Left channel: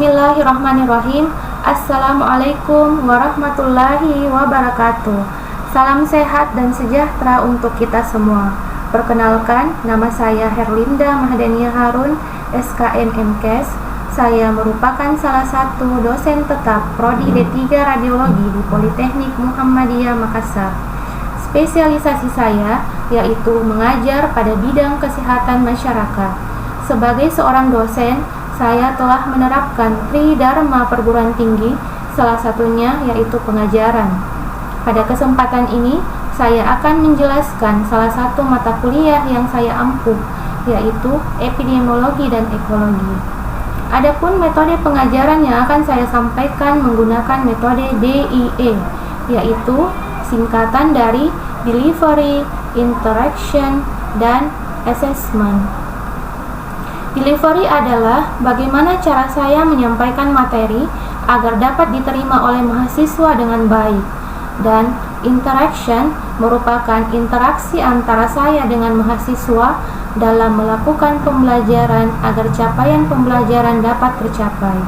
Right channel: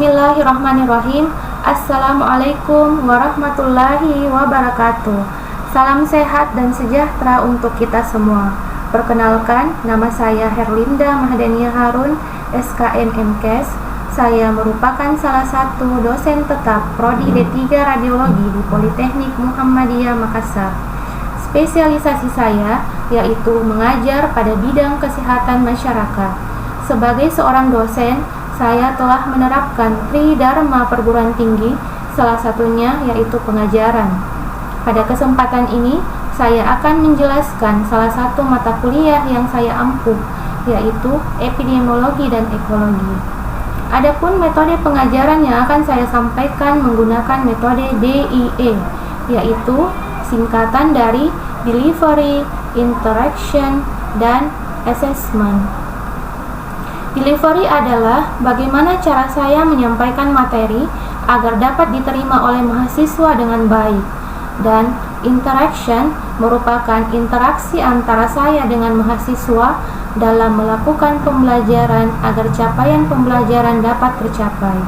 Bismillahirrahmanirrahim. Assalamualaikum warahmatullahi wabarakatuh. Salam sehat dan sejahtera untuk kita semua. Perkenalkan, nama saya Herlinda Mahdania Harun, SKN MKes. Saya merupakan salah satu dosen tetap Prodi D3 Radiologi di Politeknik Muhammadiyah Makassar. Spesialisasi saya yaitu mengajar pada bidang kesehatan masyarakat. Sebagai seorang dosen, saya telah menerapkan Tridharma perguruan tinggi, salah satunya yaitu pengajaran. Pada kesempatan ini, saya akan menjelaskan salah satu mata kuliah yang saya ampuh, yaitu epidemiologi dan ekologi. Adapun metode pengajaran yang akan saya sampaikan menggunakan metode DIE, yaitu singkatan dari Delivery, Interaction, dan Assessment. Delivery adalah bagaimana cara saya menyampaikan materi agar dapat diterima oleh mahasiswa dengan baik, dan interaction merupakan interaksi antara saya dengan mahasiswa dalam melakukan pembelajaran agar capaian pembelajaran dapat tercapai.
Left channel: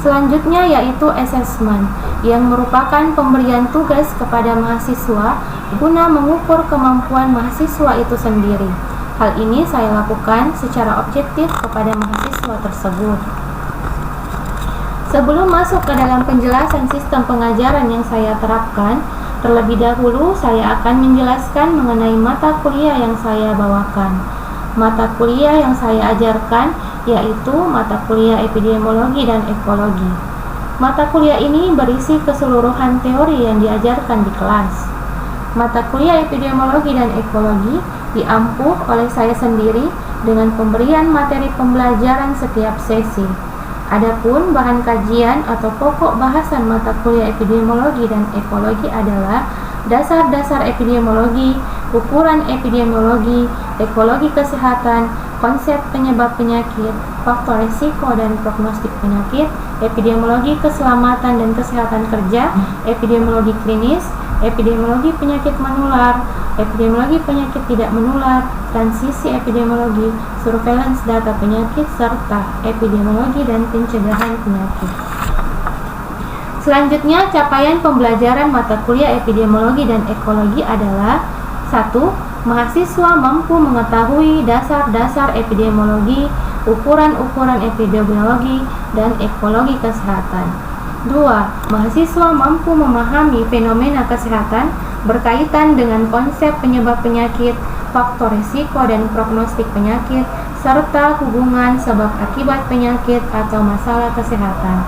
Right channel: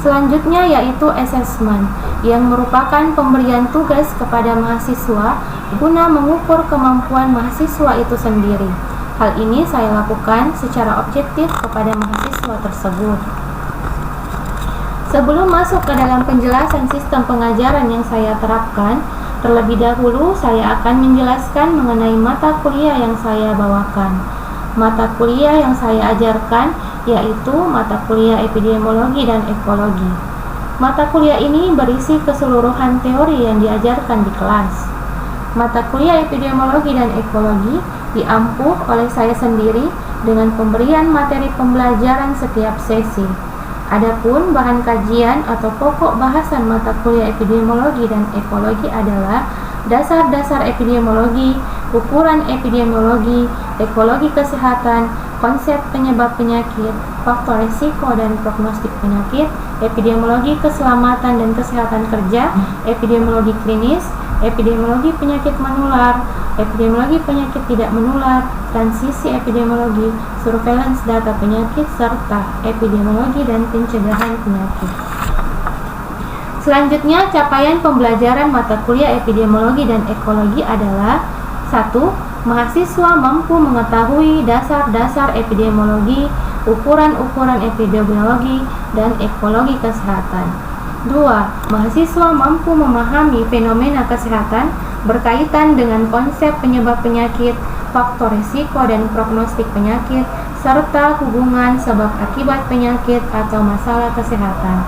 Selanjutnya yaitu assessment, yang merupakan pemberian tugas kepada mahasiswa guna mengukur kemampuan mahasiswa itu sendiri. Hal ini saya lakukan secara objektif kepada mahasiswa tersebut. Sebelum masuk ke dalam penjelasan sistem pengajaran yang saya terapkan, terlebih dahulu saya akan menjelaskan mengenai mata kuliah yang saya bawakan. Mata kuliah yang saya ajarkan yaitu mata kuliah epidemiologi dan ekologi. Mata kuliah ini berisi keseluruhan teori yang diajarkan di kelas. Mata kuliah epidemiologi dan ekologi diampuh oleh saya sendiri dengan pemberian materi pembelajaran setiap sesi. Adapun bahan kajian atau pokok bahasan mata kuliah epidemiologi dan ekologi adalah dasar-dasar epidemiologi, ukuran epidemiologi, ekologi kesehatan, konsep penyebab penyakit, faktor risiko dan prognostik penyakit, epidemiologi keselamatan dan kesehatan kerja, epidemiologi klinis, epidemiologi penyakit menular, epidemiologi penyakit tidak menular, transisi epidemiologi, surveillance data penyakit, serta epidemiologi dan pencegahan penyakit. Selanjutnya, capaian pembelajaran mata kuliah epidemiologi dan ekologi adalah 1. Mahasiswa mampu mengetahui dasar-dasar epidemiologi, ukuran-ukuran epidemiologi, dan ekologi kesehatan. 2. Mahasiswa mampu memahami fenomena kesehatan berkaitan dengan konsep penyebab penyakit, faktor risiko dan prognostik penyakit, serta hubungan sebab akibat penyakit atau masalah kesehatan.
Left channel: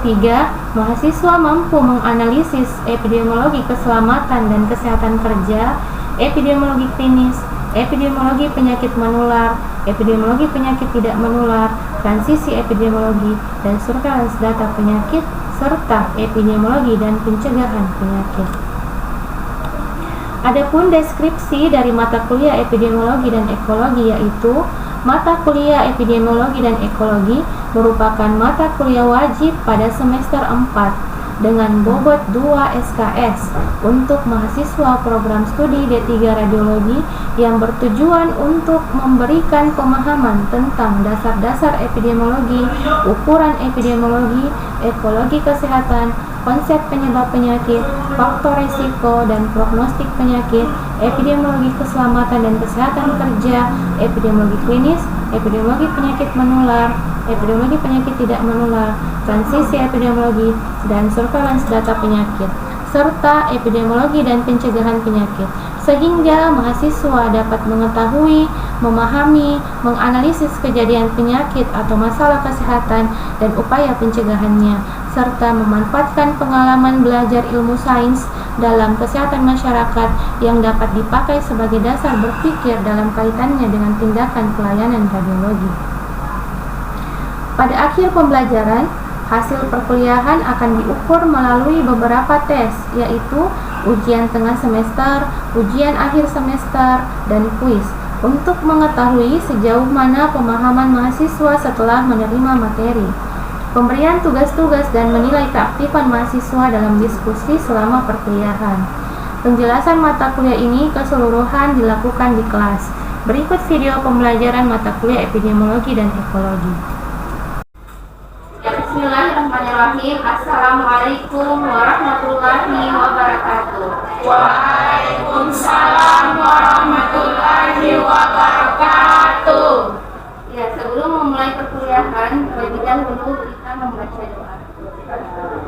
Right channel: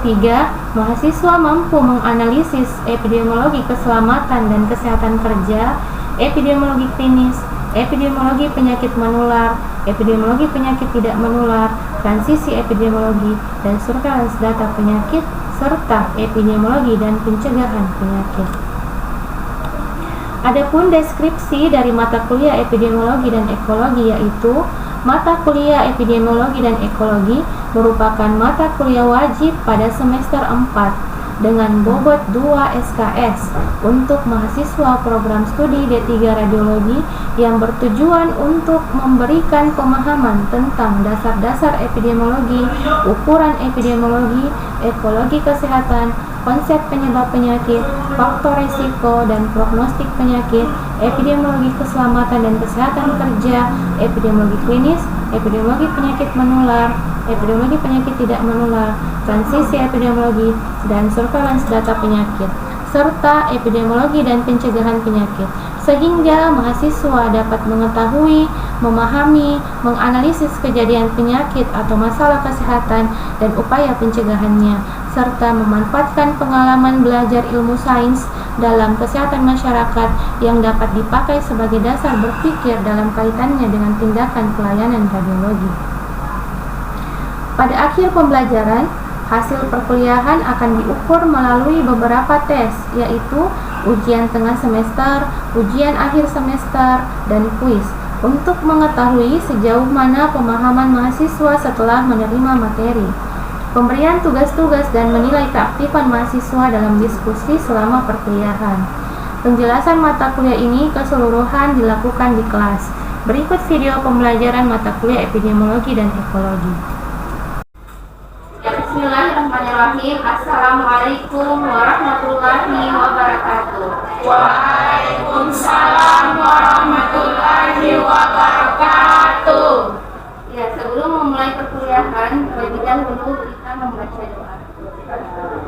3. Mahasiswa mampu menganalisis epidemiologi keselamatan dan kesehatan kerja, epidemiologi klinis, epidemiologi penyakit menular, epidemiologi penyakit tidak menular, transisi epidemiologi, dan surveillance data penyakit, serta epidemiologi dan pencegahan penyakit. Adapun deskripsi dari mata kuliah epidemiologi dan ekologi yaitu mata kuliah epidemiologi dan ekologi merupakan mata kuliah wajib pada semester 4 dengan bobot 2 SKS untuk mahasiswa program studi D3 Radiologi yang bertujuan untuk memberikan pemahaman tentang dasar-dasar epidemiologi, ukuran epidemiologi, ekologi kesehatan, konsep penyebab penyakit, faktor risiko dan prognostik penyakit, epidemiologi keselamatan dan kesehatan kerja, epidemiologi klinis, epidemiologi penyakit menular, epidemiologi penyakit tidak menular, transisi epidemiologi, dan surveillance data penyakit, serta epidemiologi dan pencegahan penyakit, sehingga mahasiswa dapat mengetahui, memahami, menganalisis kejadian penyakit atau masalah kesehatan dan upaya pencegahannya, serta memanfaatkan pengalaman belajar ilmu sains dalam kesehatan masyarakat yang dapat dipakai sebagai dasar berpikir dalam kaitannya dengan tindakan pelayanan radiologi. Pada akhir pembelajaran, hasil perkuliahan akan diukur melalui beberapa tes, yaitu ujian tengah semester, ujian akhir semester, dan kuis, untuk mengetahui sejauh mana pemahaman mahasiswa setelah menerima materi, pemberian tugas-tugas, dan menilai keaktifan mahasiswa dalam diskusi selama perkuliahan. Penjelasan mata kuliah ini keseluruhan dilakukan di kelas. Berikut video pembelajaran mata kuliah epidemiologi dan ekologi. Bismillahirrahmanirrahim. Assalamualaikum warahmatullahi wabarakatuh. Waalaikumsalam warahmatullahi wabarakatuh. Ya, sebelum memulai perkuliahan, terlebih dahulu kita membaca doa.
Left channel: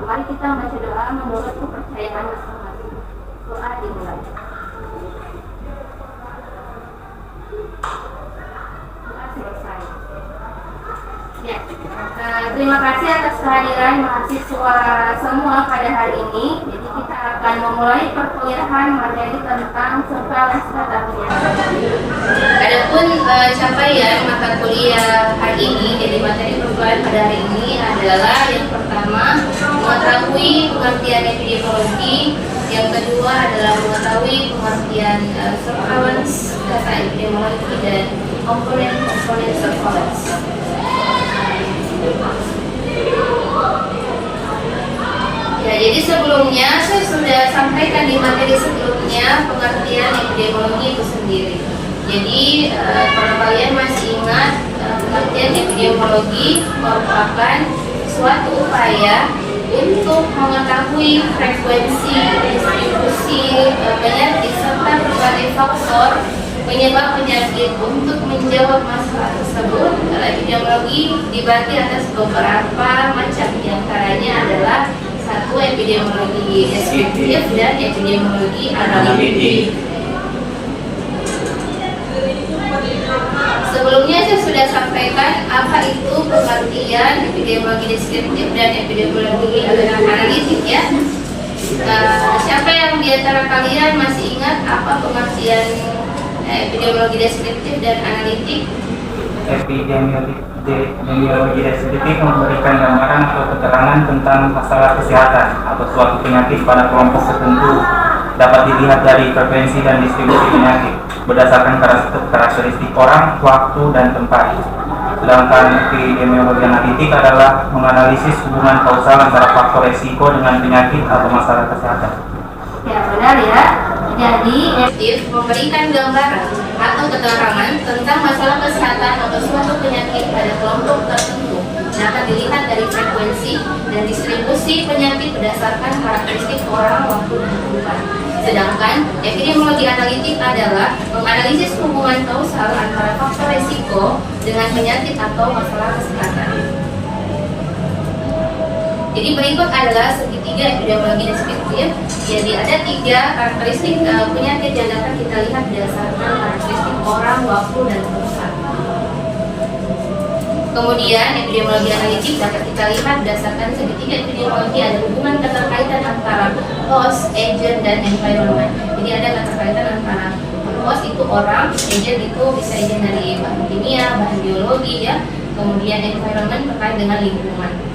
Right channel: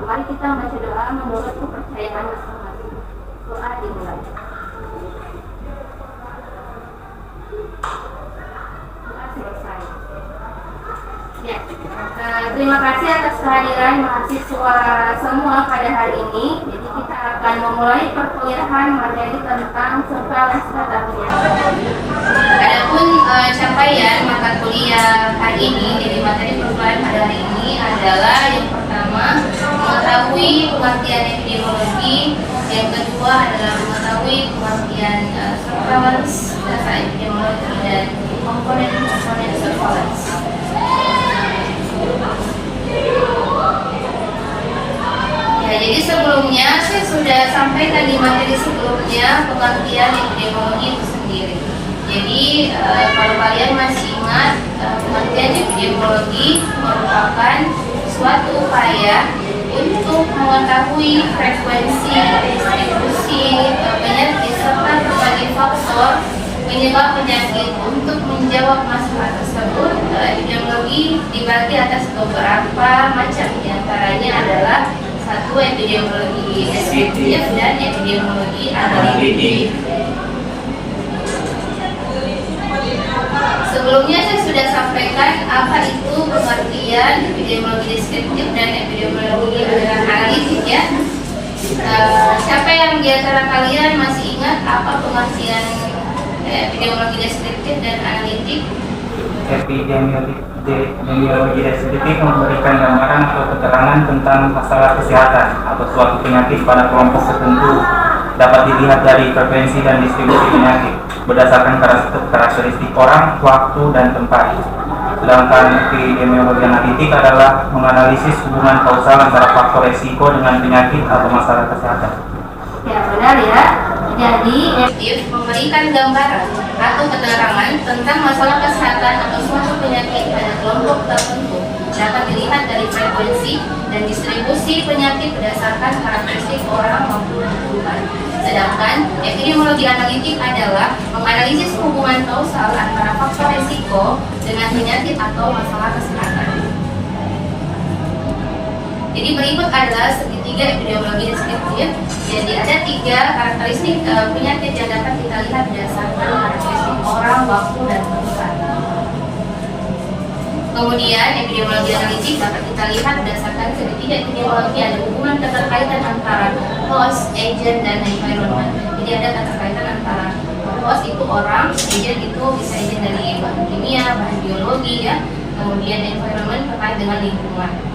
Mari kita membaca doa menurut kepercayaan masing-masing. Doa dimulai. Doa selesai. Ya, terima kasih atas kehadiran mahasiswa semua pada hari ini. Jadi kita akan memulai perkuliahan materi tentang surveillance data penyiaran. Adapun capaian mata kuliah hari ini, jadi materi perkuliahan pada hari ini adalah yang pertama mengetahui pengertian epidemiologi, yang kedua adalah mengetahui pengertian surveillance data epidemiologi dan komponen-komponen surveillance. Ya, jadi sebelumnya saya sudah sampaikan di materi sebelumnya pengertian epidemiologi itu sendiri. Jadi kalau kalian masih ingat, pengertian epidemiologi merupakan suatu upaya untuk mengetahui frekuensi distribusi penyakit serta berbagai faktor penyebab penyakit. Untuk menjawab masalah tersebut, epidemiologi dibagi atas beberapa macam, diantaranya adalah satu epidemiologi deskriptif dan epidemiologi analitik. Sebelumnya saya sudah sampaikan apa itu pengertian epidemiologi deskriptif dan epidemiologi analitik ya. Siapa yang di antara kalian masih ingat apa pengertian epidemiologi deskriptif dan analitik? Epidemiologi deskriptif memberikan gambaran atau keterangan tentang masalah kesehatan atau suatu penyakit pada kelompok tertentu. Dapat dilihat dari frekuensi dan distribusi penyakit berdasarkan karakteristik orang, waktu, dan tempat. Sedangkan epidemiologi analitik adalah menganalisis hubungan kausal antara faktor resiko dengan penyakit atau masalah kesehatan. Ya, benar ya. Jadi, memberikan gambaran atau keterangan tentang masalah kesehatan atau suatu penyakit pada kelompok tertentu. Dapat dilihat dari frekuensi dan distribusi penyakit berdasarkan karakteristik orang, waktu, dan tempat. Sedangkan epidemiologi analitik adalah menganalisis hubungan kausal antara faktor resiko dengan penyakit atau masalah kesehatan. Jadi berikut adalah segitiga epidemiologi deskriptif. Jadi ada 3 karakteristik penyakit yang dapat kita lihat berdasarkan karakteristik orang, waktu, dan tempat. Kemudian epidemiologi analitik dapat kita lihat berdasarkan segitiga epidemiologi, ada hubungan keterkaitan antara host, agent, dan environment. Jadi ada keterkaitan antara host itu orang, agent itu bisa agent dari bahan kimia, bahan biologi ya. Kemudian environment terkait dengan lingkungan.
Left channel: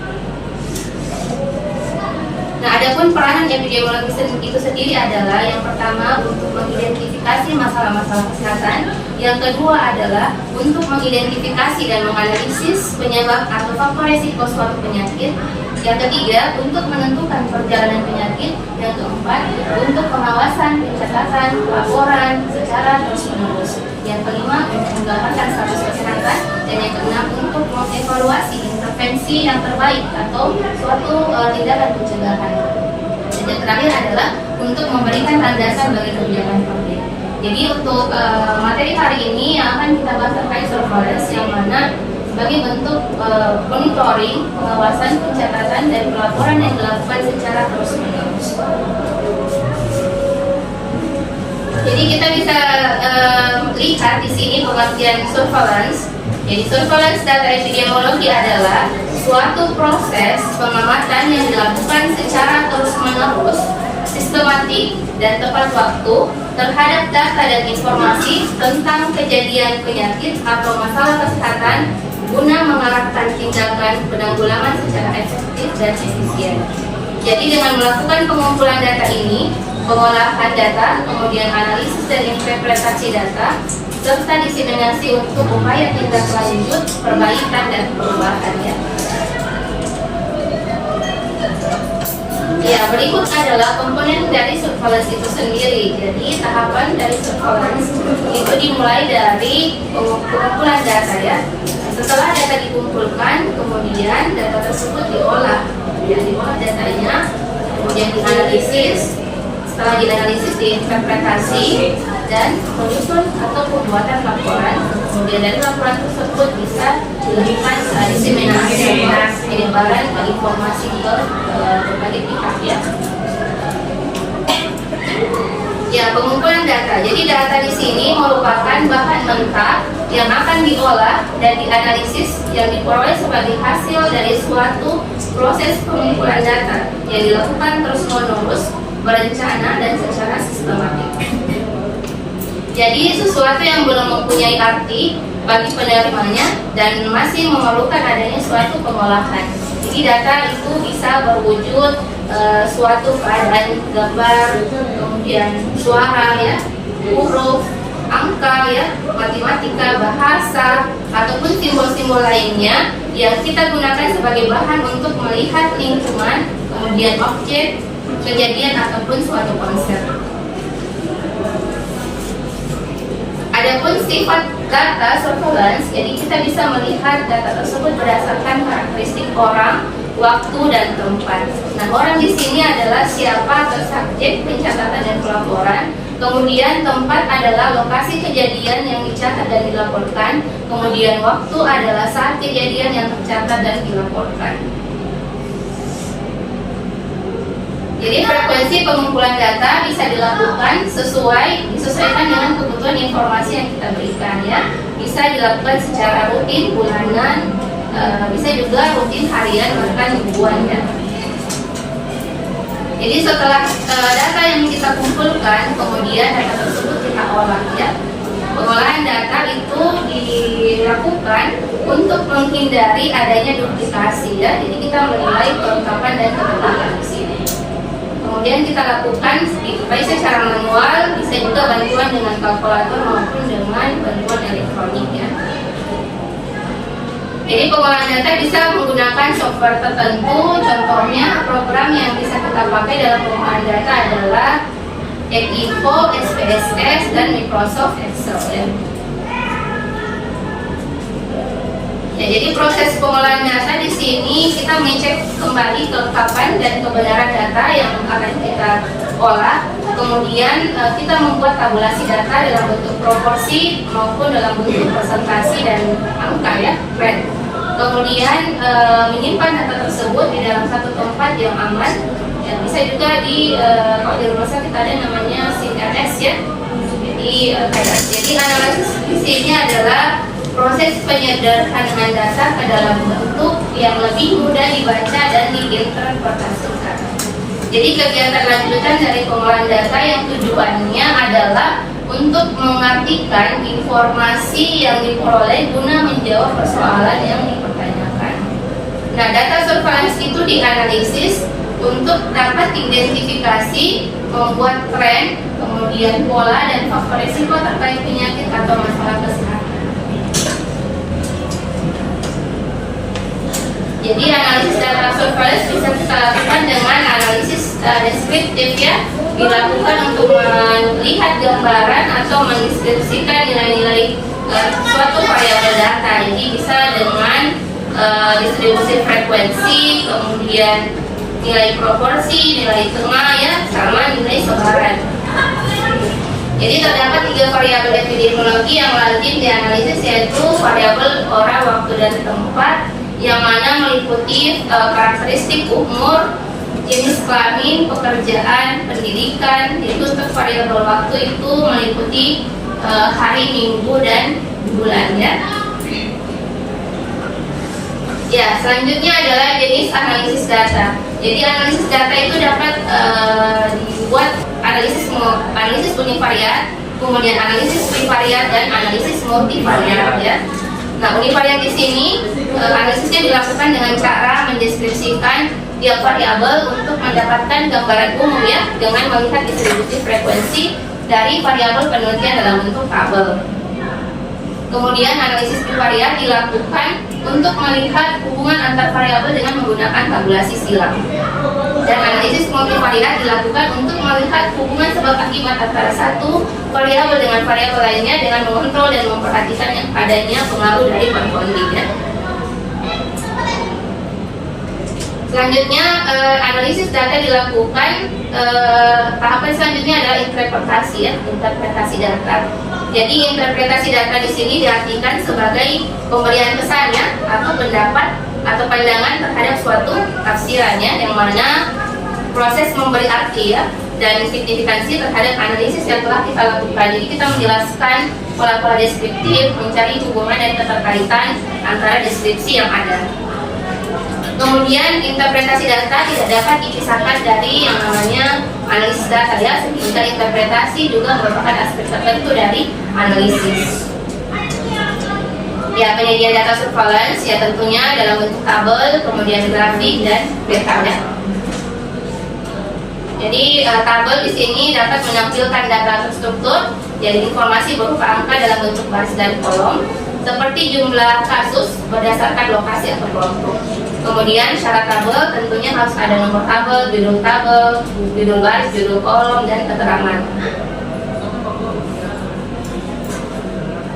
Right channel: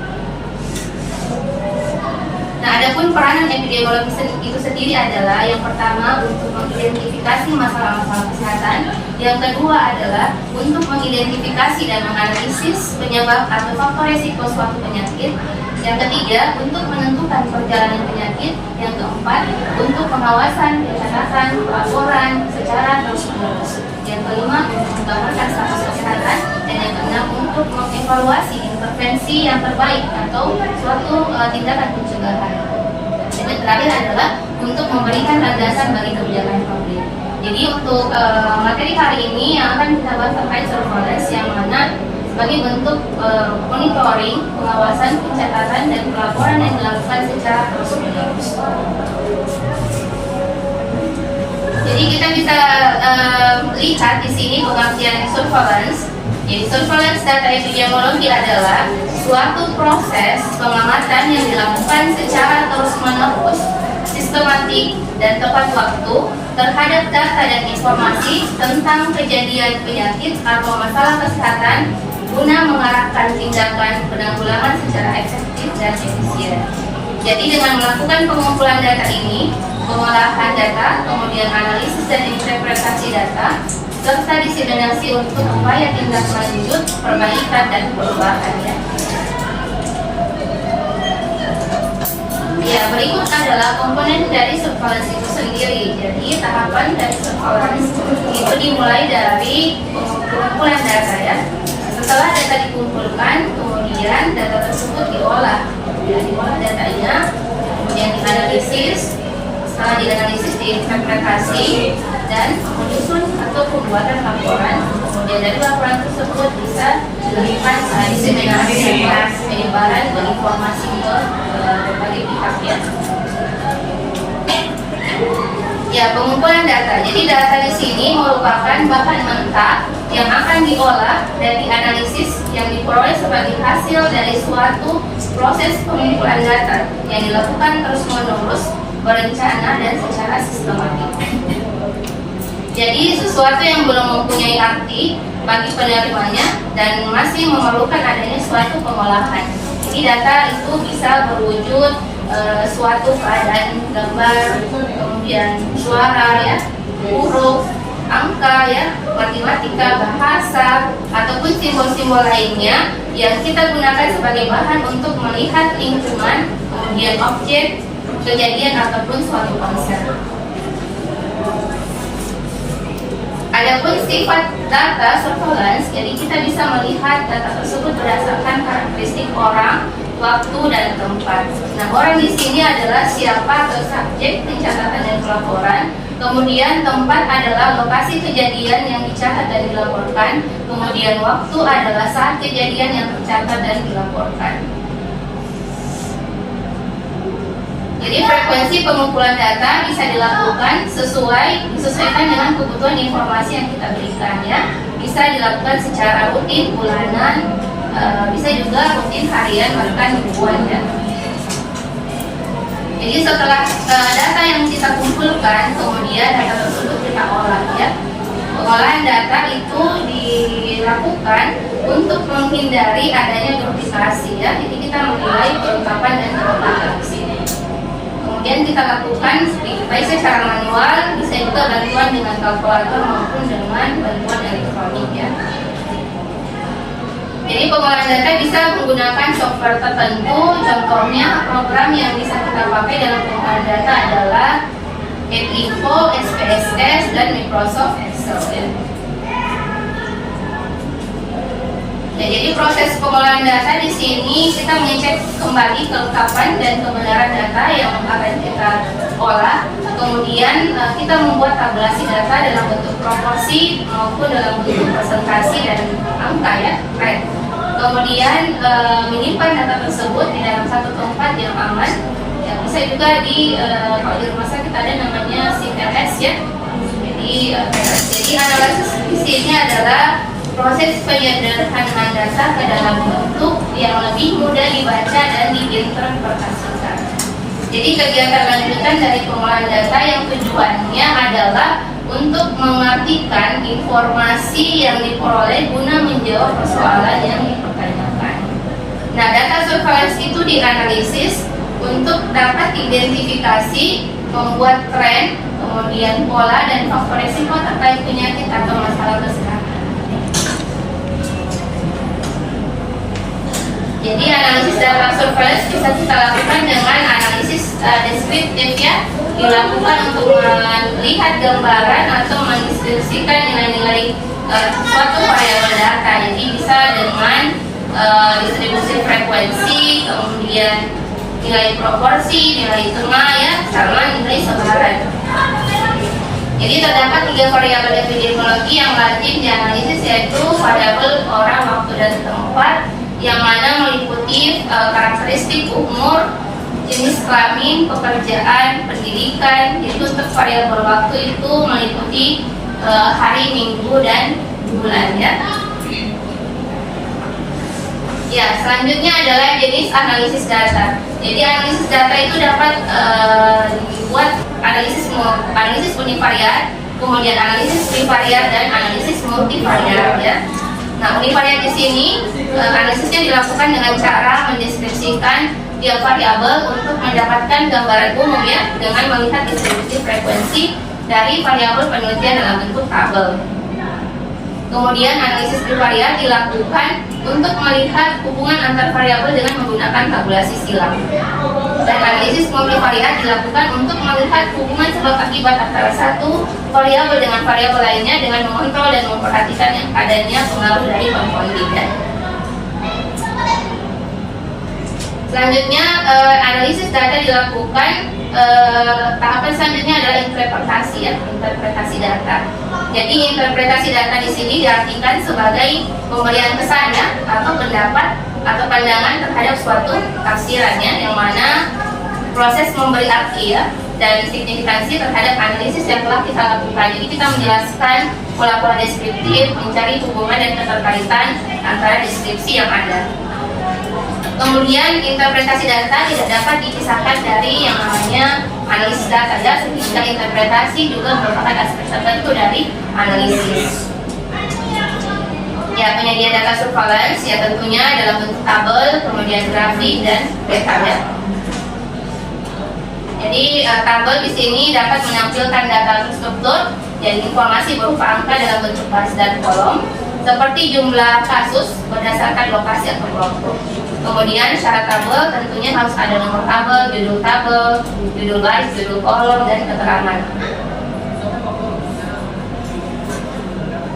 Nah, adapun peranan epidemiologi itu sendiri adalah yang pertama untuk mengidentifikasi masalah-masalah kesehatan, yang kedua adalah untuk mengidentifikasi dan menganalisis penyebab atau faktor resiko suatu penyakit, yang ketiga untuk menentukan perjalanan penyakit, yang keempat untuk pengawasan, pencatatan, laporan secara terus-menerus, yang kelima untuk menggambarkan status kesehatan, dan yang keenam untuk mengevaluasi intervensi yang terbaik atau suatu tindakan pencegahan. Dan yang terakhir adalah untuk memberikan landasan bagi kebijakan publik. Jadi untuk materi hari ini yang akan kita bahas terkait surveillance, yang mana sebagai bentuk monitoring, pengawasan, pencatatan, dan pelaporan yang dilakukan secara terus-menerus. Jadi kita bisa lihat di sini pengertian surveillance. Jadi surveillance data epidemiologi adalah suatu proses pengamatan yang dilakukan secara terus-menerus, sistematik, dan tepat waktu terhadap data dan informasi tentang kejadian penyakit atau masalah kesehatan guna mengarahkan tindakan penanggulangan secara efektif dan efisien. Jadi dengan melakukan pengumpulan data ini, pengolahan data, kemudian analisis dan interpretasi data, serta diseminasi untuk upaya tindak lanjut, perbaikan, dan perubahannya. Ya, berikut adalah komponen dari surveillance itu sendiri. Jadi tahapan dari surveillance itu dimulai dari pengumpulan data ya. Setelah data dikumpulkan, kemudian data tersebut diolah kemudian diolah datanya, kemudian dianalisis. Setelah dianalisis, diinterpretasi, dan menyusun atau pembuatan laporan. Kemudian dari laporan tersebut bisa dilakukan diseminasi atau penyebaran informasi ke berbagai pihak ya. Ya, pengumpulan data. Jadi data di sini merupakan bahan mentah yang akan diolah dan dianalisis yang diperoleh sebagai hasil dari suatu proses pengumpulan data yang dilakukan terus-menerus, berencana dan secara sistematik. Jadi sesuatu yang belum mempunyai arti bagi penerimanya dan masih memerlukan adanya suatu pengolahan. Jadi data itu bisa berwujud suatu keadaan gambar, kemudian suara ya, huruf, angka ya, matematika, bahasa, ataupun simbol-simbol lainnya yang kita gunakan sebagai bahan untuk melihat lingkungan, kemudian objek, kejadian ataupun suatu konsep. Adapun sifat data surveillance, jadi kita bisa melihat data tersebut berdasarkan karakteristik orang, waktu dan tempat. Nah, orang di sini adalah siapa atau subjek pencatatan dan pelaporan. Kemudian tempat adalah lokasi kejadian yang dicatat dan dilaporkan. Kemudian waktu adalah saat kejadian yang tercatat dan dilaporkan. Jadi frekuensi pengumpulan data bisa dilakukan disesuaikan dengan kebutuhan informasi yang kita berikan ya. Bisa dilakukan secara rutin, bulanan, bisa juga rutin harian bahkan mingguan ya. Jadi setelah data yang kita kumpulkan, kemudian data tersebut kita olah ya. Pengolahan data itu dilakukan untuk menghindari adanya duplikasi ya. Jadi kita menilai kelengkapan dan kelengkapan di sini. Kemudian kita lakukan baik secara manual, bisa juga bantuan dengan kalkulator maupun dengan bantuan elektronik ya. Jadi pengolahan data bisa menggunakan software tertentu. Contohnya program yang bisa kita pakai dalam pengolahan data adalah Info, SPSS, dan Microsoft Excel ya. Ya, jadi proses pengolahan data di sini kita mengecek kembali kelengkapan dan kebenaran data yang akan kita olah. Kemudian kita membuat tabulasi data dalam bentuk proporsi maupun dalam bentuk presentasi dan angka ya, red. Kemudian menyimpan data tersebut di dalam satu tempat yang aman. Ya, bisa juga kalau di rumah sakit ada namanya CRS ya. Jadi analisis di sini adalah proses penyederhanaan data ke dalam bentuk yang lebih mudah dibaca dan diinterpretasikan. Jadi kegiatan lanjutan dari pengolahan data yang tujuannya adalah untuk mengartikan informasi yang diperoleh guna menjawab persoalan yang dipertanyakan. Nah, data surveillance itu dianalisis untuk dapat identifikasi, membuat tren, kemudian pola dan faktor risiko terkait penyakit atau masalah kesehatan. Jadi analisis data surveillance bisa kita lakukan dengan analisis deskriptif ya, dilakukan untuk melihat gambaran atau mendeskripsikan nilai-nilai suatu variabel data. Jadi bisa dengan distribusi frekuensi, kemudian nilai proporsi, nilai tengah ya, sama nilai sebaran. Jadi terdapat 3 variabel epidemiologi yang wajib dianalisis, yaitu variabel orang, waktu, dan tempat, yang mana meliputi karakteristik umur, jenis kelamin, pekerjaan, pendidikan. Jadi untuk variabel waktu itu meliputi hari, minggu, dan bulan ya. Ya, selanjutnya adalah jenis analisis data. Jadi analisis data itu dapat dibuat analisis univariat, kemudian analisis trivariat, dan analisis multivariat ya. Nah, univariat di sini analisisnya dilakukan dengan cara mendeskripsikan tiap variabel untuk mendapatkan gambaran umum ya, dengan melihat distribusi frekuensi dari variabel penelitian dalam bentuk tabel. Kemudian analisis trivariat dilakukan untuk melihat hubungan antar variabel dengan menggunakan tabulasi silang. Dan analisis multivariat dilakukan untuk melihat hubungan sebab akibat antara satu variabel dengan variabel lainnya dengan mengontrol dan memperhatikan yang adanya pengaruh dari komponen. Selanjutnya analisis data dilakukan. Tahapan selanjutnya adalah interpretasi ya, interpretasi data. Jadi interpretasi data di sini diartikan sebagai pemberian kesan ya, atau pendapat atau pandangan terhadap suatu tafsirannya, yang mana proses memberi arti ya dan signifikansi terhadap analisis yang telah kita lakukan. Jadi kita menjelaskan pola-pola deskriptif, mencari hubungan dan keterkaitan antara deskripsi yang ada. Kemudian interpretasi data tidak dapat dipisahkan dari yang namanya analisis data ya, sehingga interpretasi juga merupakan aspek tertentu dari analisis. Ya, penyajian data surveillance ya tentunya dalam bentuk tabel, kemudian grafik dan peta ya. Jadi tabel di sini dapat menampilkan data terstruktur, jadi informasi berupa angka dalam bentuk baris dan kolom, seperti jumlah kasus berdasarkan lokasi atau kelompok. Kemudian syarat tabel tentunya harus ada nomor tabel, judul baris, judul kolom, dan keterangan.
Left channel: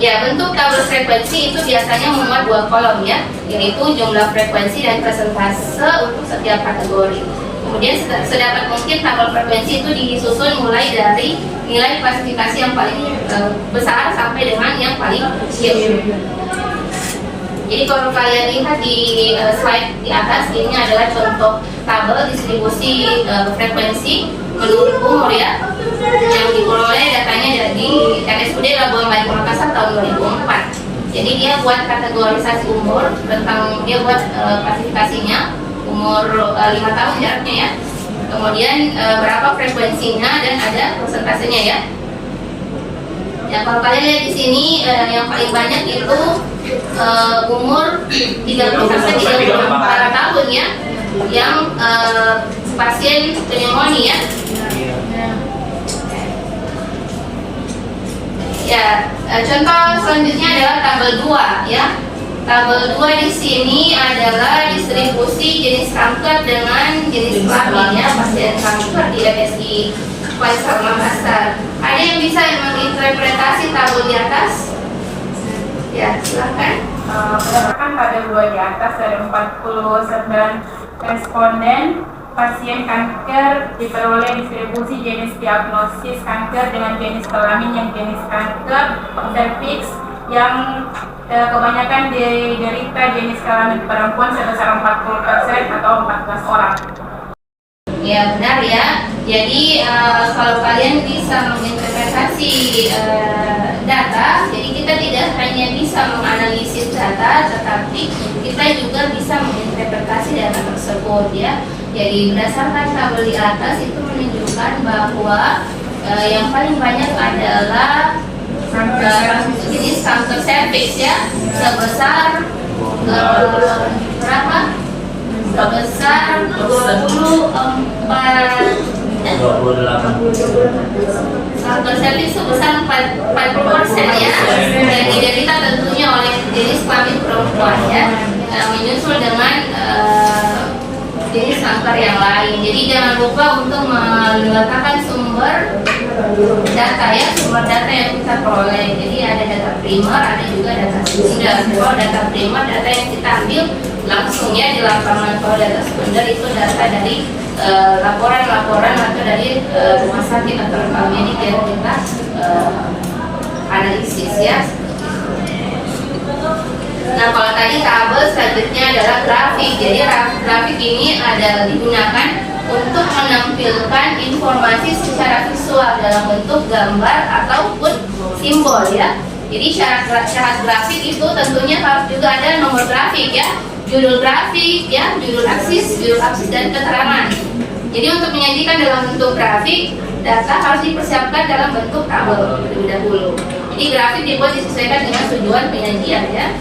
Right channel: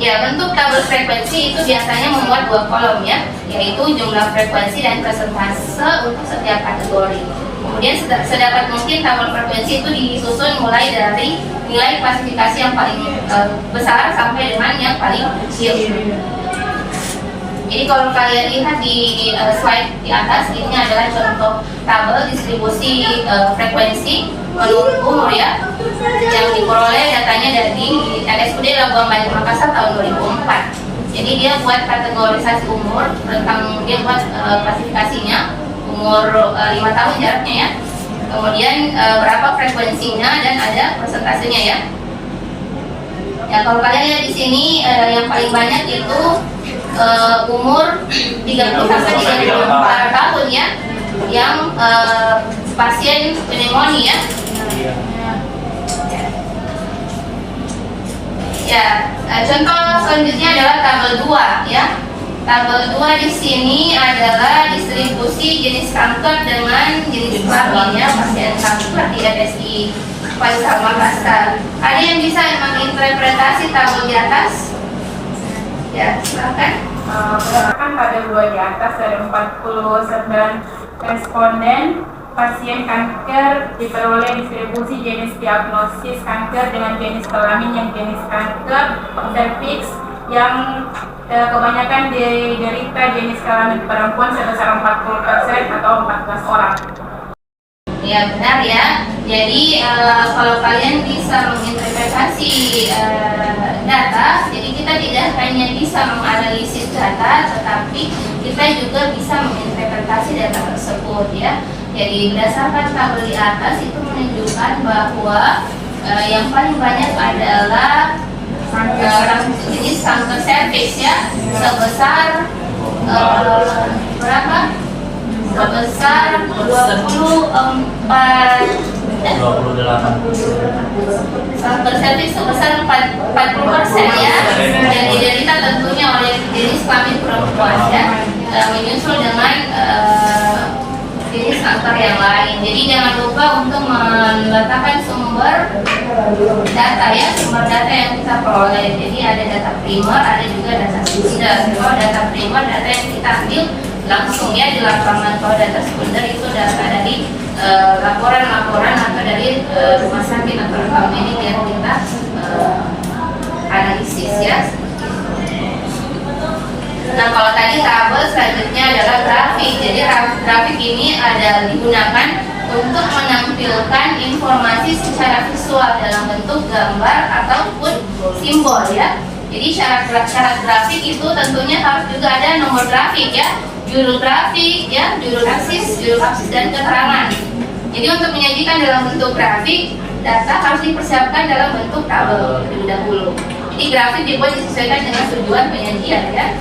Ya, bentuk tabel frekuensi itu biasanya memuat 2 kolom ya, yaitu jumlah frekuensi dan persentase untuk setiap kategori. Kemudian sedapat mungkin tabel frekuensi itu disusun mulai dari nilai klasifikasi yang paling besar sampai dengan yang paling kecil. Jadi kalau kalian lihat di slide di atas, ini adalah contoh tabel distribusi frekuensi menurut umur ya, yang diperoleh datanya dari RSUD Labuan Bajo Makassar tahun 2004. Jadi dia buat kategorisasi umur, tentang dia buat klasifikasinya umur 5 tahun jaraknya ya. Kemudian berapa frekuensinya dan ada persentasenya ya. Ya kalau kalian lihat di sini yang paling banyak itu umur 30-34 tahun ya, yang pasien pneumonia ya. Contoh selanjutnya adalah tabel 2 ya. Tabel 2 di sini adalah distribusi jenis kanker dengan jenis kelamin ya, pasien kanker di RSI Faisal Makassar. Ada yang bisa menginterpretasi tabel di atas? Ya, silakan. Berdasarkan tabel 2 di atas, ada 49 responden pasien kanker diperoleh distribusi jenis diagnosis kanker dengan jenis kelamin yang jenis kanker serviks yang kebanyakan diderita jenis kelamin perempuan sebesar 40% atau 14 orang. Ya benar ya. Jadi kalau kalian bisa menginterpretasi data, jadi kita tidak hanya bisa menganalisis data, tetapi kita juga bisa menginterpretasi data tersebut ya. Jadi berdasarkan tabel di atas itu menunjukkan bahwa yang paling banyak adalah jenis kanker serviks ya, sebesar berapa? Sebesar 28. Kanker serviks sebesar 40% ya, dan diderita tentunya oleh jenis kelamin perempuan ya, menyusul dengan jenis kanker yang lain. Jadi jangan lupa untuk meletakkan sumber data ya, sumber data yang kita peroleh. Jadi ada data primer, ada juga data sekunder. Kalau data primer, data yang kita ambil langsung ya di lapangan. Kalau data sekunder itu data dari laporan-laporan atau dari rumah sakit atau klinik yang kita analisis ya. Nah kalau tadi tabel, selanjutnya adalah grafik. Jadi grafik ini adalah digunakan untuk menampilkan informasi secara visual dalam bentuk gambar ataupun simbol ya. Jadi syarat grafik itu tentunya harus juga ada nomor grafik ya, judul grafik ya, judul aksis dan keterangan. Jadi untuk menyajikan dalam bentuk grafik, data harus dipersiapkan dalam bentuk tabel terlebih dahulu. Jadi grafik dibuat disesuaikan dengan tujuan penyajian ya.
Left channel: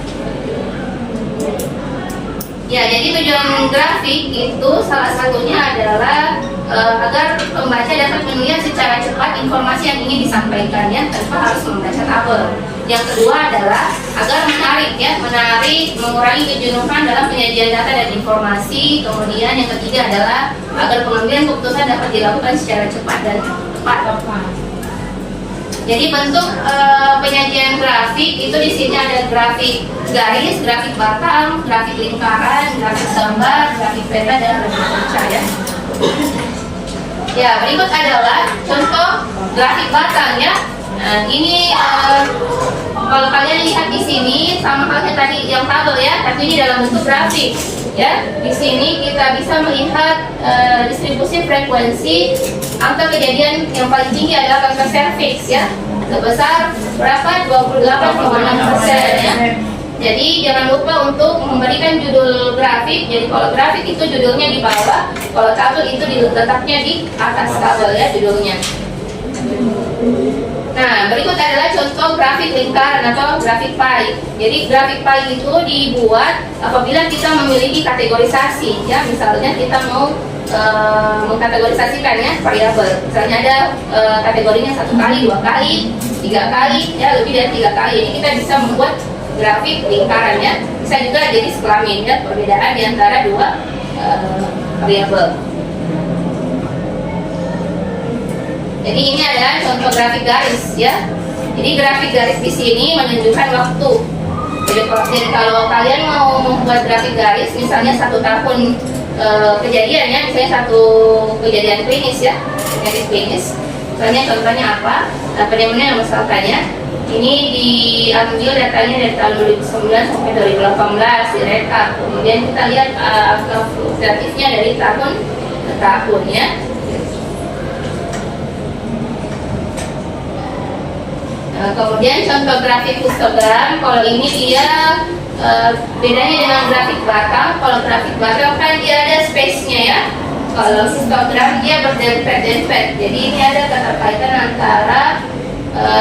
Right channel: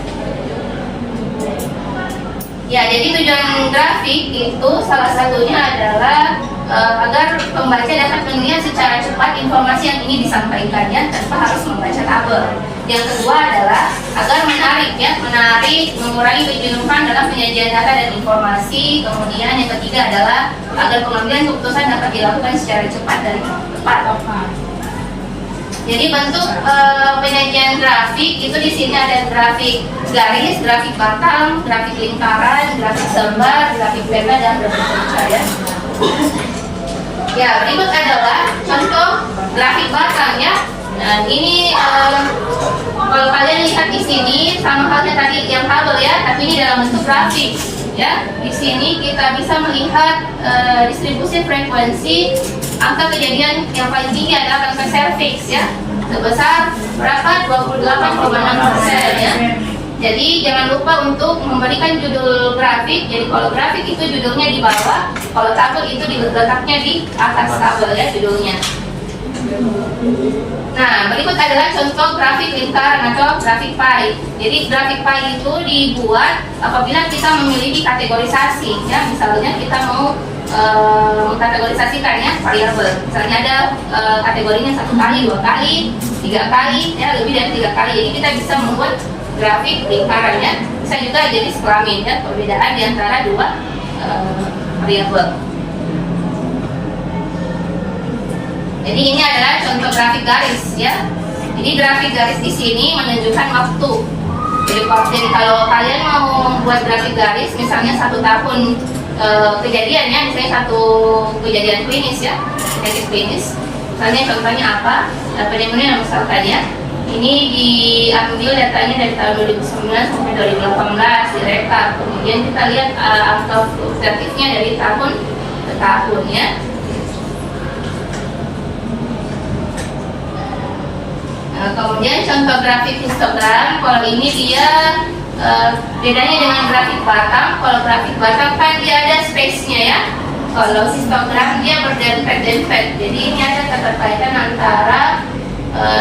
Ya, jadi tujuan grafik itu salah satunya adalah agar pembaca dapat melihat secara cepat informasi yang ingin disampaikan ya, tanpa harus membaca tabel. Yang kedua adalah agar menarik, mengurangi kejenuhan dalam penyajian data dan informasi. Kemudian yang ketiga adalah agar pengambilan keputusan dapat dilakukan secara cepat dan tepat. Jadi bentuk penyajian grafik itu di sini ada grafik garis, grafik batang, grafik lingkaran, grafik sembar, grafik peta, dan grafik kaca ya. Ya, berikut adalah contoh grafik batang ya. Nah, ini kalau kalian lihat di sini sama halnya tadi yang tabel ya, tapi ini dalam bentuk grafik ya. Di sini kita bisa melihat distribusi frekuensi angka kejadian yang paling tinggi adalah kanker serviks ya, sebesar berapa? 28,6% ya. Jadi jangan lupa untuk memberikan judul grafik. Jadi kalau grafik itu judulnya di bawah, kalau tabel itu diletaknya di atas tabel ya judulnya. Nah, berikut adalah contoh grafik lingkaran atau grafik pie. Jadi grafik pie itu dibuat apabila kita memiliki kategorisasi ya. Misalnya kita mau mengkategorisasikan ya variabel. Misalnya ada kategorinya 1 kali, 2 kali, 3 kali ya, lebih dari 3 kali. Jadi kita bisa membuat grafik lingkaran ya. Bisa juga jenis kelamin ya, perbedaan di antara dua variabel. Jadi ini adalah contoh grafik garis ya. Jadi grafik garis di sini menunjukkan waktu. Jadi kalau kalian mau membuat grafik garis, misalnya 1 tahun kejadian ya, misalnya 1 kejadian klinis ya, penyakit klinis. Misalnya contohnya apa? Pneumonia misalkan ya. Ini diambil datanya dari tahun 2009 sampai 2018 direkap. Kemudian kita lihat angka fluktuatifnya dari tahun ke tahun ya. Kemudian contoh grafik histogram, kalau ini dia bedanya dengan grafik batang. Kalau grafik batang kan dia ada space-nya ya. Kalau histogram dia berdempet-dempet. Jadi ini ada keterkaitan antara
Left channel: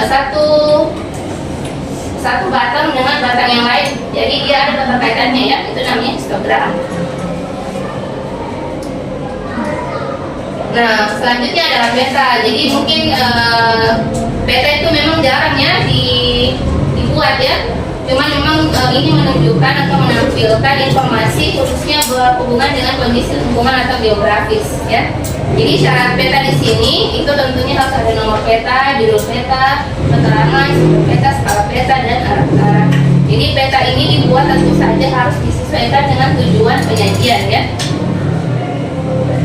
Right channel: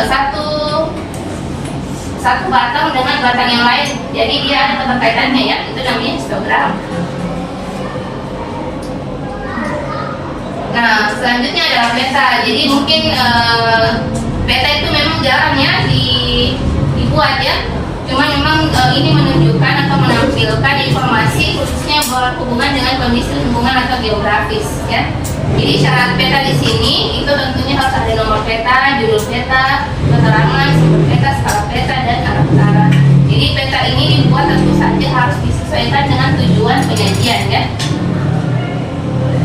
satu batang dengan batang yang lain. Jadi dia ada keterkaitannya ya. Itu namanya histogram. Nah, selanjutnya ada peta. Jadi mungkin peta itu memang jarang ya dibuat ya. Cuman memang ini menunjukkan atau menampilkan informasi khususnya berhubungan dengan kondisi lingkungan atau geografis ya. Jadi syarat peta di sini itu tentunya harus ada nomor peta, judul peta, keterangan, peta, skala peta, dan arah-arah. Jadi peta ini dibuat tentu saja harus disesuaikan dengan tujuan penyajian ya.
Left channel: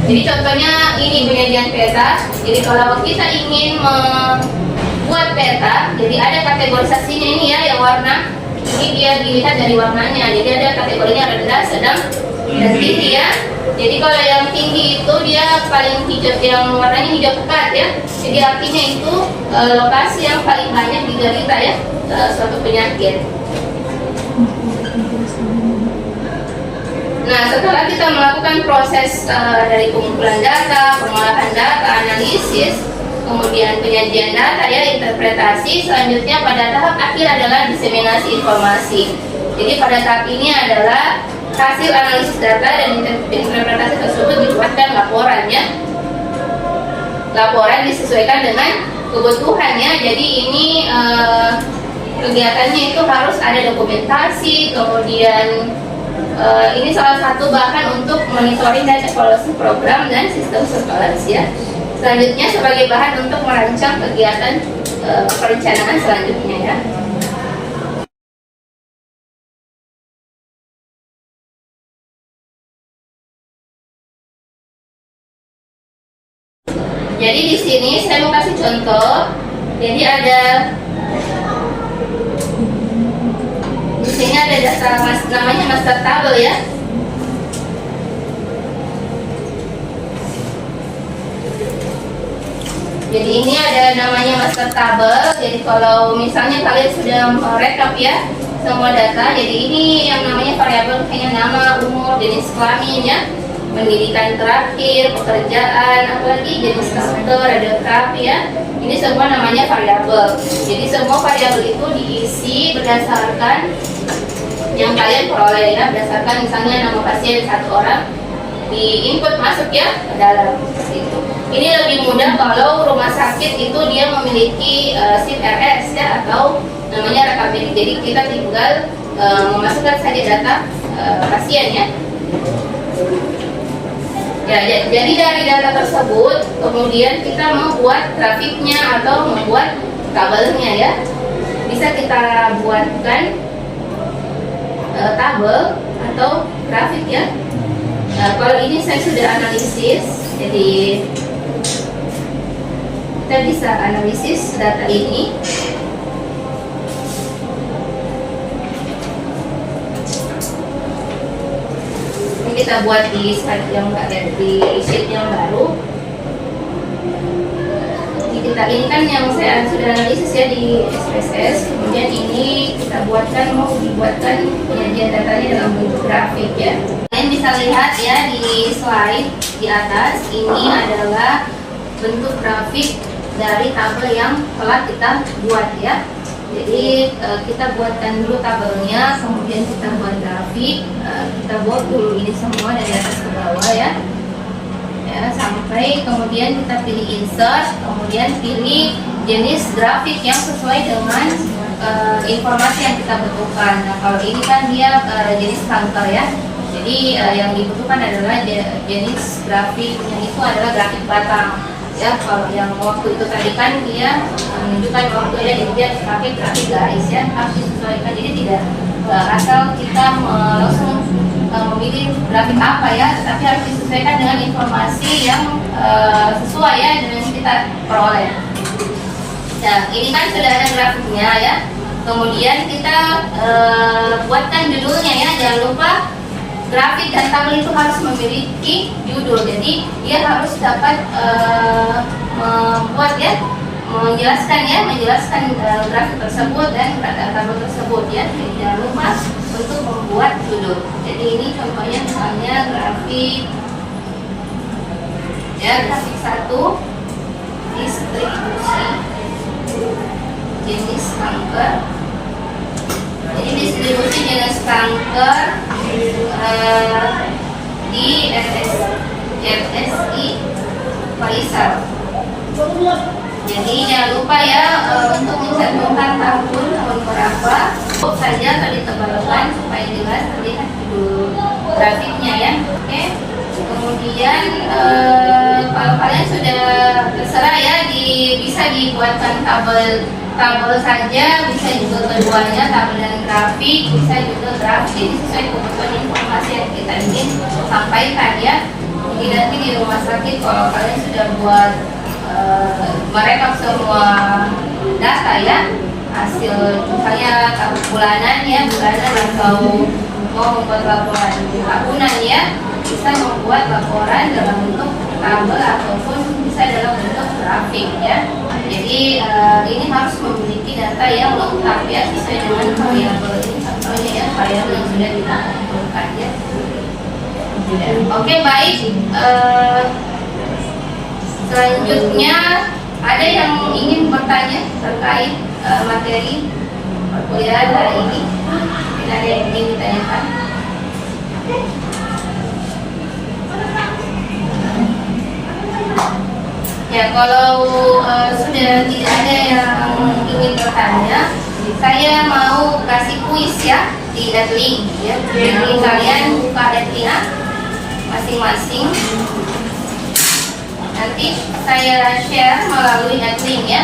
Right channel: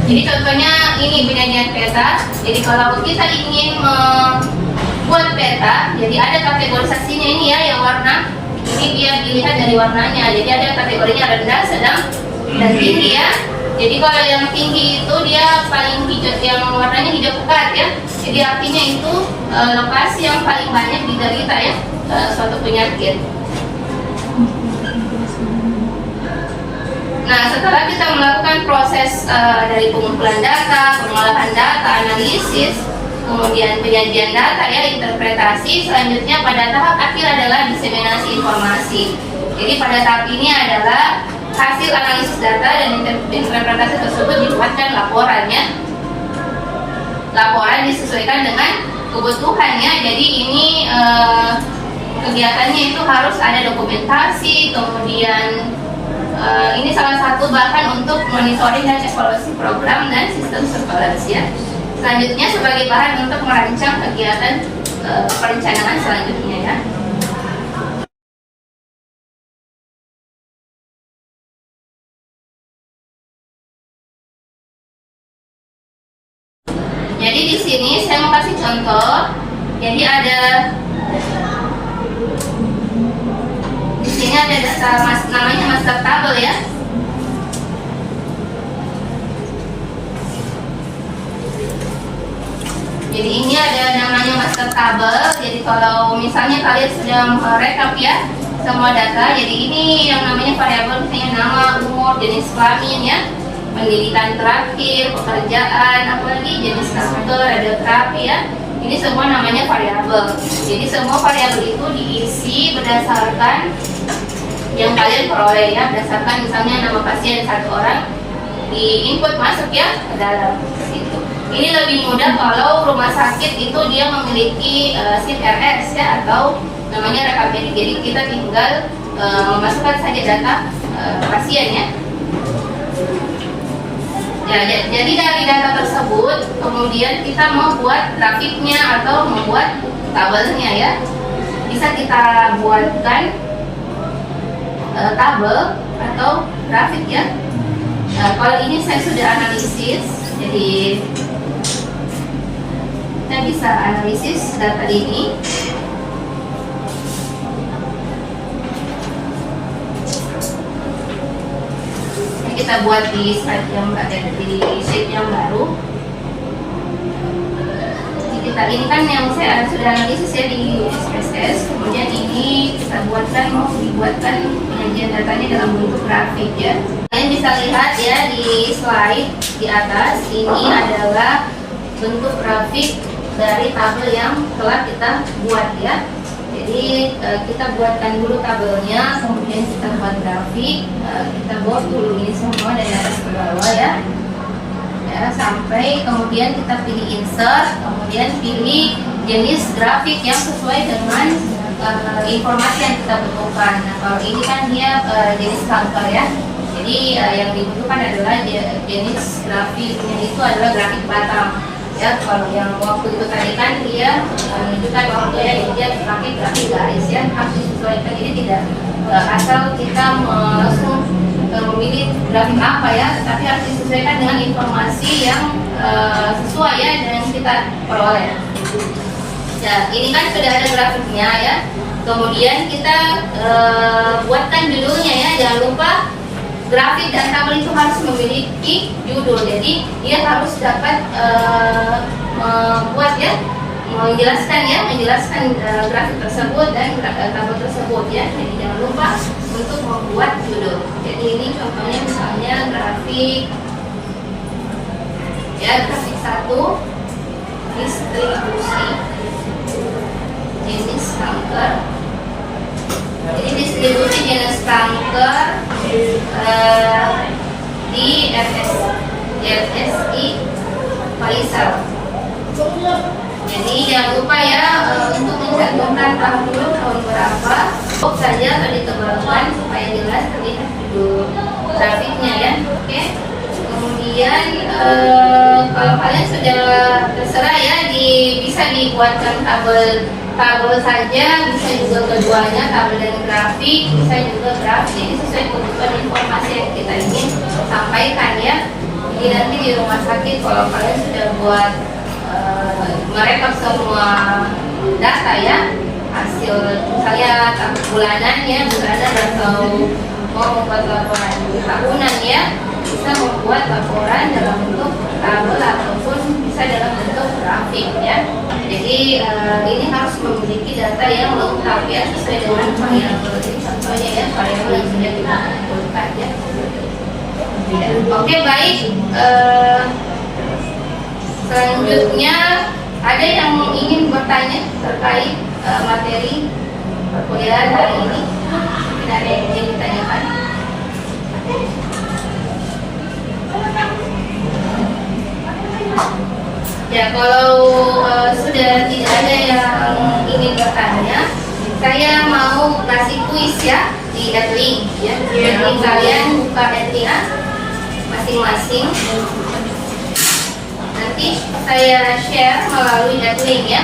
Jadi contohnya ini penyajian peta. Jadi kalau kita ingin membuat peta, jadi ada kategorisasinya ini ya, yang warna. Ini dia dilihat dari warnanya. Jadi ada kategorinya rendah, sedang, dan tinggi ya. Jadi kalau yang tinggi itu dia paling hijau, yang warnanya hijau pekat ya. Jadi artinya itu lokasi yang paling banyak diderita ya suatu penyakit. Nah, setelah kita melakukan proses dari pengumpulan data, pengolahan data, analisis, kemudian penyajian data ya, interpretasi, selanjutnya pada tahap akhir adalah diseminasi informasi. Jadi pada tahap ini adalah hasil analisis data dan interpretasi tersebut dibuatkan laporannya. Laporan disesuaikan dengan kebutuhannya. Jadi ini kegiatannya itu harus ada dokumentasi, kemudian ini salah satu bahan untuk monitoring dan evaluasi program dan sistem surveillance ya. Selanjutnya sebagai bahan untuk merancang kegiatan perencanaan selanjutnya ya. Jadi di sini saya mau kasih contoh. Jadi ada di sini ada data namanya master table ya. Jadi ini ada namanya master table. Jadi kalau misalnya kalian sudah merekap ya semua data, jadi ini yang namanya variabel, misalnya nama, umur, jenis kelamin ya, pendidikan terakhir, pekerjaan, apalagi jenis kanker, radioterapi ya. Ini semua namanya variabel. Jadi semua variabel itu diisi berdasarkan yang kalian peroleh ya, berdasarkan misalnya nama pasien 1 orang di input masuk ya ke dalam itu. Ini lebih mudah kalau rumah sakit itu dia memiliki SIP RS ya, atau namanya rekam medik. Jadi kita tinggal memasukkan saja data pasien ya. Ya, jadi dari data tersebut kemudian kita mau buat grafiknya atau membuat tabelnya ya. Bisa kita buatkan tabel atau grafik ya. Kalau ini saya sudah analisis, jadi kita bisa analisis data ini. Ini kita buat di slide yang di sheet yang baru. Ini kan yang saya sudah analisis ya di SPSS, kemudian ini kita mau dibuatkan penyajian datanya dalam bentuk grafik ya. Kalian bisa lihat ya di slide di atas, ini adalah bentuk grafik dari tabel yang telah kita buat ya. Jadi kita buatkan dulu tabelnya, kemudian kita buat grafik, kita buat dulu ini semua dari atas ke bawah ya. Sampai kemudian kita pilih insert, kemudian pilih jenis grafik yang sesuai dengan informasi yang kita butuhkan. Nah, kalau ini kan dia jenis kanker ya, jadi yang dibutuhkan adalah jenis grafiknya itu adalah grafik batang ya. Kalau yang waktu itu tadi kan dia menunjukkan waktu ya, jadi dia grafik garis ya, harus disesuaikan. Jadi tidak asal kita langsung memilih grafik apa ya, tetapi harus disesuaikan dengan informasi yang sesuai ya dengan kita peroleh. Nah, ini kan sudah ada grafiknya ya. Kemudian kita buatkan judulnya ya. Jangan lupa grafik dan tabel itu harus memiliki judul. Jadi dia harus dapat membuat ya, menjelaskan grafik tersebut dan tabel tersebut ya. Jadi jangan lupa untuk membuat judul. Jadi ini contohnya misalnya grafik ya, grafik 1 distribusi jenis kanker. Jadi distribusi jenis kanker di RSI Faisal. Jadi jangan lupa ya untuk mencantumkan tahun berapa. Cukup saja kalau ditebalkan supaya jelas terlihat judul grafiknya ya. Oke. Kemudian kalau kalian sudah terserah ya, bisa dibuatkan tabel saja, bisa juga keduanya, tabel dan grafik, bisa juga grafik. Jadi sesuai kebutuhan informasi yang kita ingin sampaikan ya. Jadi nanti di rumah sakit kalau kalian sudah buat merekap semua data ya, hasil misalnya bulanan atau mau membuat laporan tahunan ya, bisa membuat laporan dalam bentuk tabel ataupun bisa dalam bentuk grafik ya. Jadi ini harus memiliki data yang lengkap ya, sesuai dengan variabel ini, contohnya ya variabel yang sudah kita tentukan ya. Oke, baik. Selanjutnya ada yang ingin bertanya terkait materi perkuliahan hari ini? Mungkin ada yang ingin ditanyakan? Ya, kalau sudah tidak ada yang ingin bertanya, saya mau kasih kuis ya di Adlink ya. Jadi kalian buka Adlink masing-masing. Nanti saya share melalui Adlink ya.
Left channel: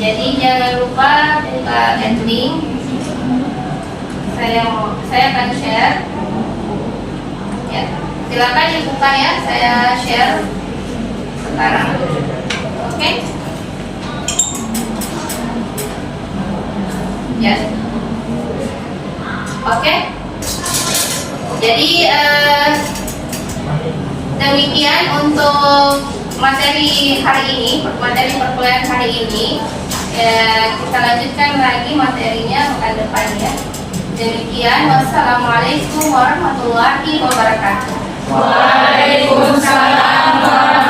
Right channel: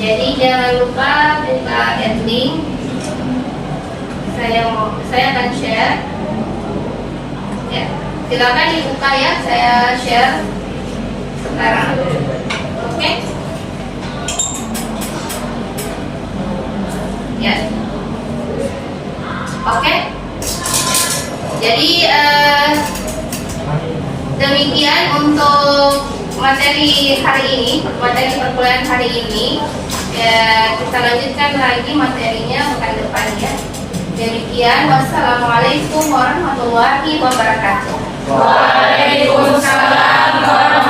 Jadi jangan lupa buka Adlink. Saya akan share. Ya, silakan dibuka ya. Saya share sekarang. Oke? Ya. Oke. Jadi demikian untuk materi hari ini, materi perkuliahan hari ini. Kita lanjutkan lagi materinya pekan depan ya. Demikian, wassalamualaikum warahmatullahi wabarakatuh. Waalaikumsalam warahmatullahi wabarakatuh.